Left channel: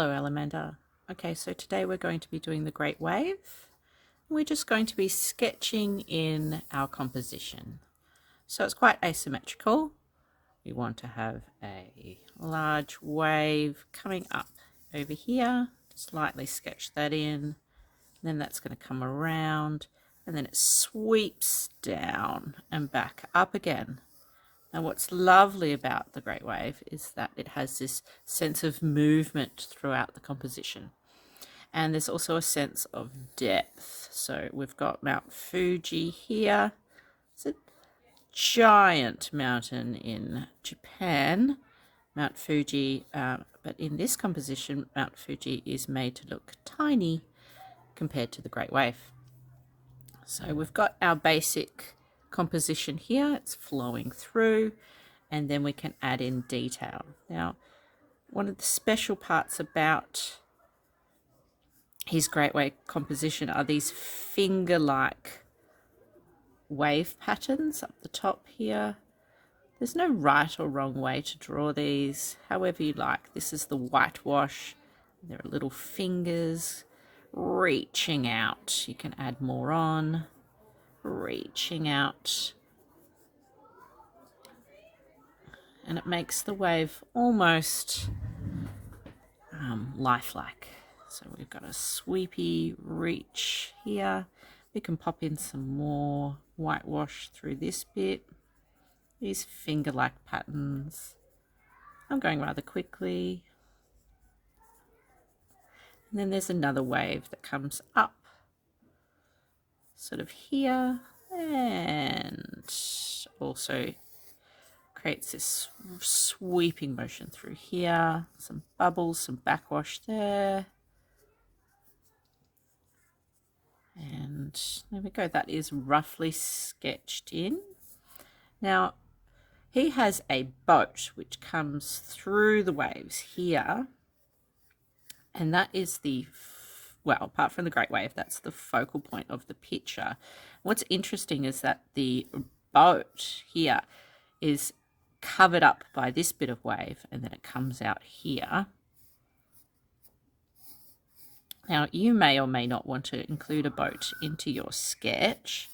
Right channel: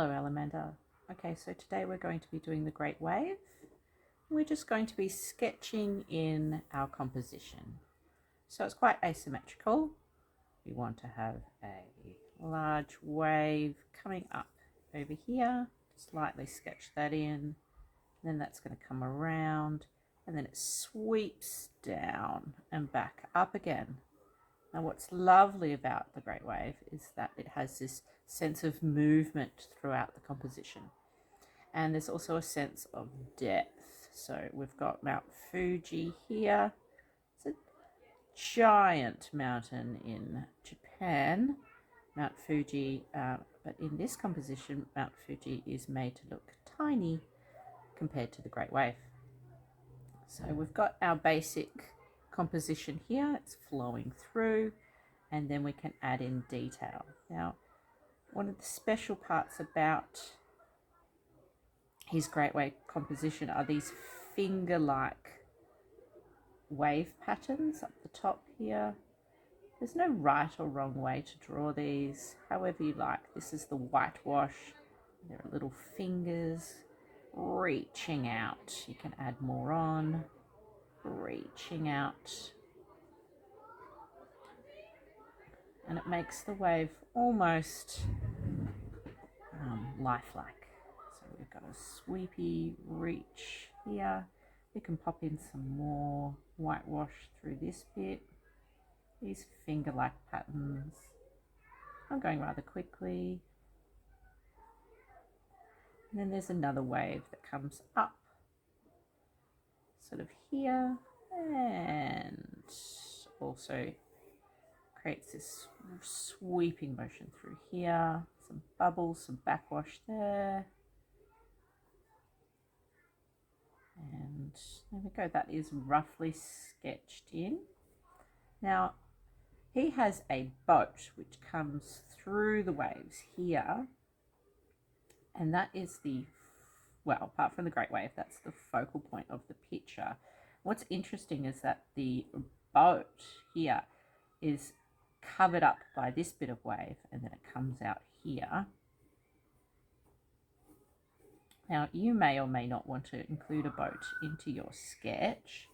Hello, Alamander. Okay, so today we're going to be doing the Great Wave. We're just going to be sketching in our composition. So it's quite asymmetrical. We want to have a large wave coming up over here. Just lightly sketch that in. Then that's going to come around and then it sweeps down and back up again. And what's lovely about the Great Wave is that it has this sense of movement throughout the composition. And there's also a sense of depth. So we've got Mount Fuji here. It's a giant mountain in Japan, Mount Fuji. But in this composition, Mount Fuji is made to look tiny compared to the Great Wave. So we've got our basic composition here, it's flowing through, and then we can add in detail. Now, one of the special parts about his Great Wave composition are these finger-like wave patterns up the top here. There's no right or wrong way to draw these, however you like. This is the whitewash. There are little fingers reaching out. You can add more on. Reaching out, and it makes the wave almost lifelike. So we've got a sweepy reach here. We can pop in some more whitewash through this bit. These finger-like patterns. I'm going rather quickly. And then there's another wave that comes up sort of here and also creates this sweeping motion through here. Some bubbles, some backwash there. And there we go, that is roughly sketched in. Now, he has a boat which comes through the waves here, and that is the well, apart from the Great Wave, that's the focal point of the picture. What's interesting is that the boat here is covered up by this bit of wave, and then it comes out here. Now, you may or may not want to include a boat into your sketch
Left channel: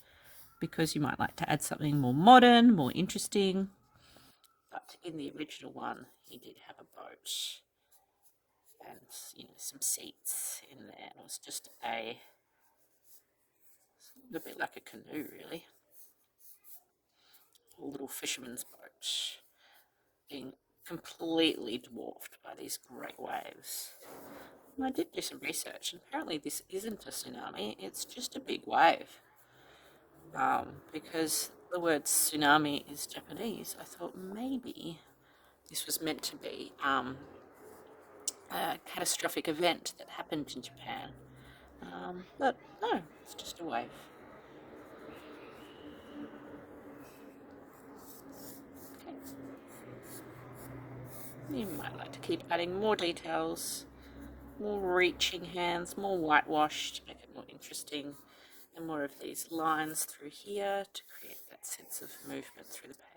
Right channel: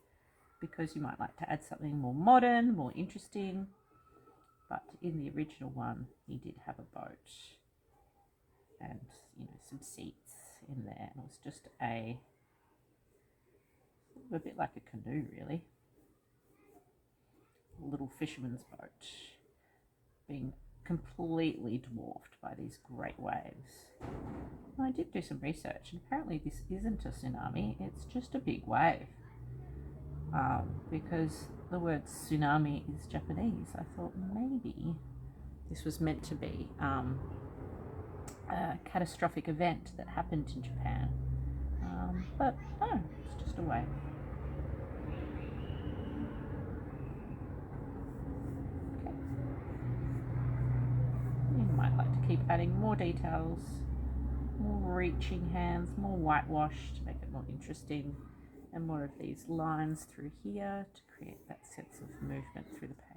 because you might like to add something more modern, more interesting. But in the original one, he did have a boat and, you know, some seats in there. It was just a bit like a canoe, really. A little fisherman's boat being completely dwarfed by these great waves. Well, I did do some research, and apparently this isn't a tsunami, it's just a big wave. Because the word tsunami is Japanese, I thought maybe this was meant to be a catastrophic event that happened in Japan. But no, it's just a wave. Okay. You might like to keep adding more details, more reaching hands, more whitewash to make it more interesting, and more of these lines through here to create that sense of movement through the page.